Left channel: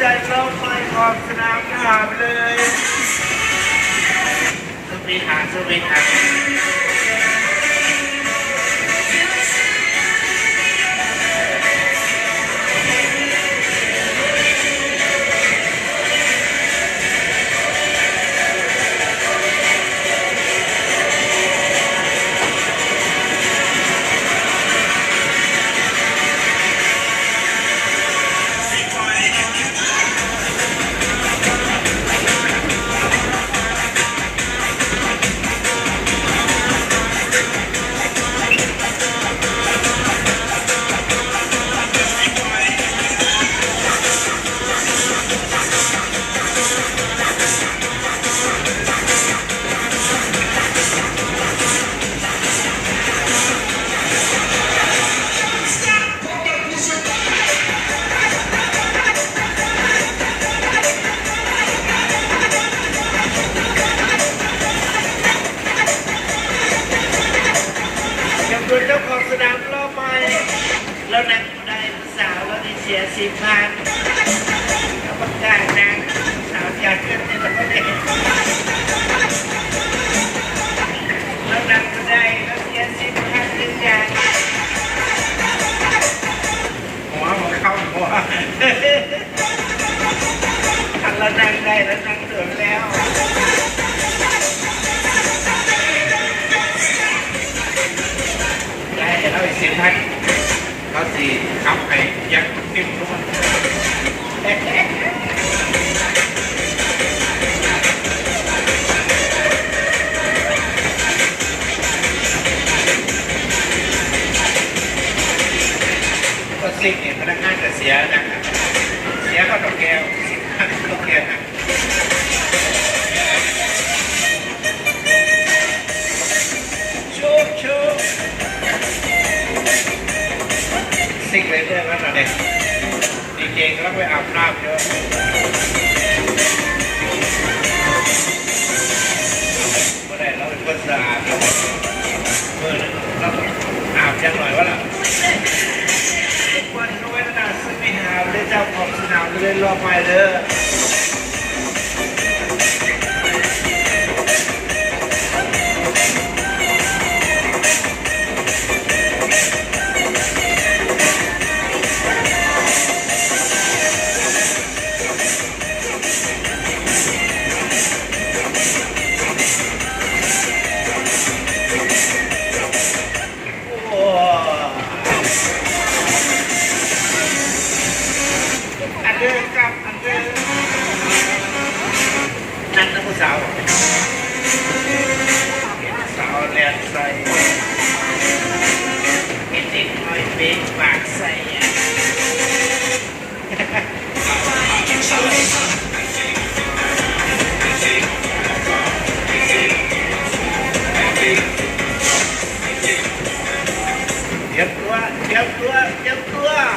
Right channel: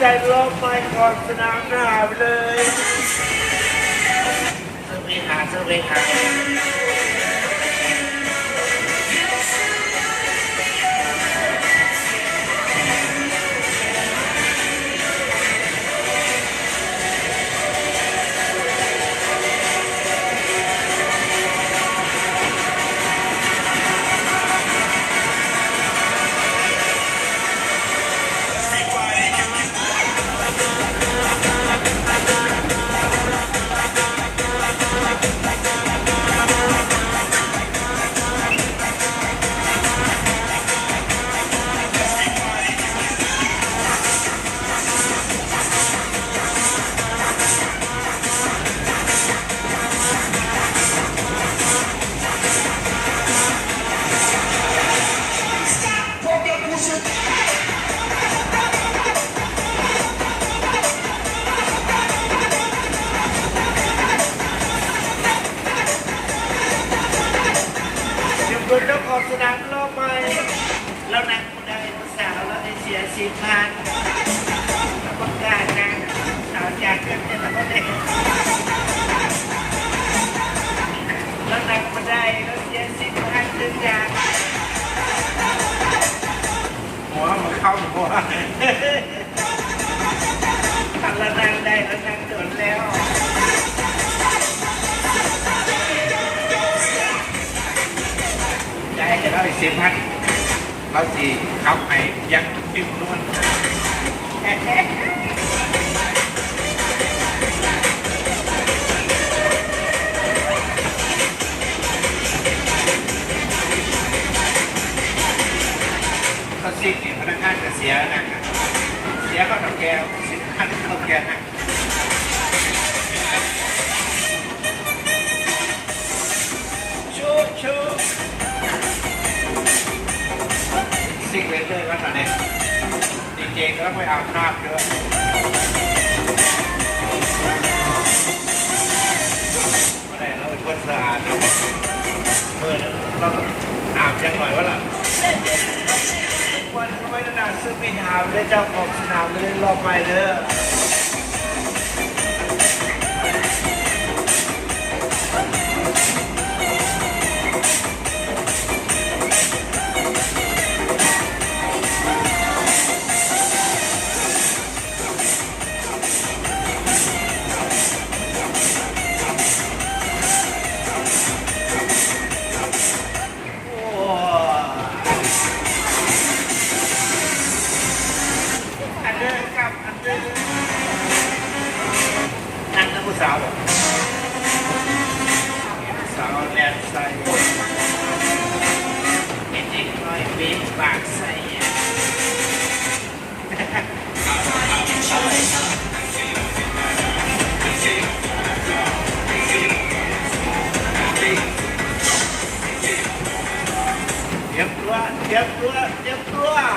ใจลองไปขอบสนามหน้าไปเลยสวีทาสวีทาเป็นเจ้าของสนามรอบไปแล้วนั่งได้สาวแล้วได้เสีย4,000แล้วประกาศนางสาวอยากจะเป็นแล้วก็ได้แล้วนั่งมาได้แล้วเสีย4,000เป็นแดงหัวมันเข้าหัวแล้วนั่งได้แล้วนั่งเตือนแล้วเราอีก10,000เราสี่ขับไปยันติ้มล้วนก็ซิกเนี่ยพนักงานจะเสียนะครับเสียก็ต้องแก้ว10,000ต้องแก้วนะชูซิกเลยเรื่องนั้นนะเนี่ยจริงๆแล้วไปอาบน้ำเยอะเมื่อไหร่เราเป็นคนสะอาดเราเราอาบยังหน่อยวะล่ะวันหนาสปินหาเลยเจ้าของสนามเลยรอบใหม่เลยอันเดิม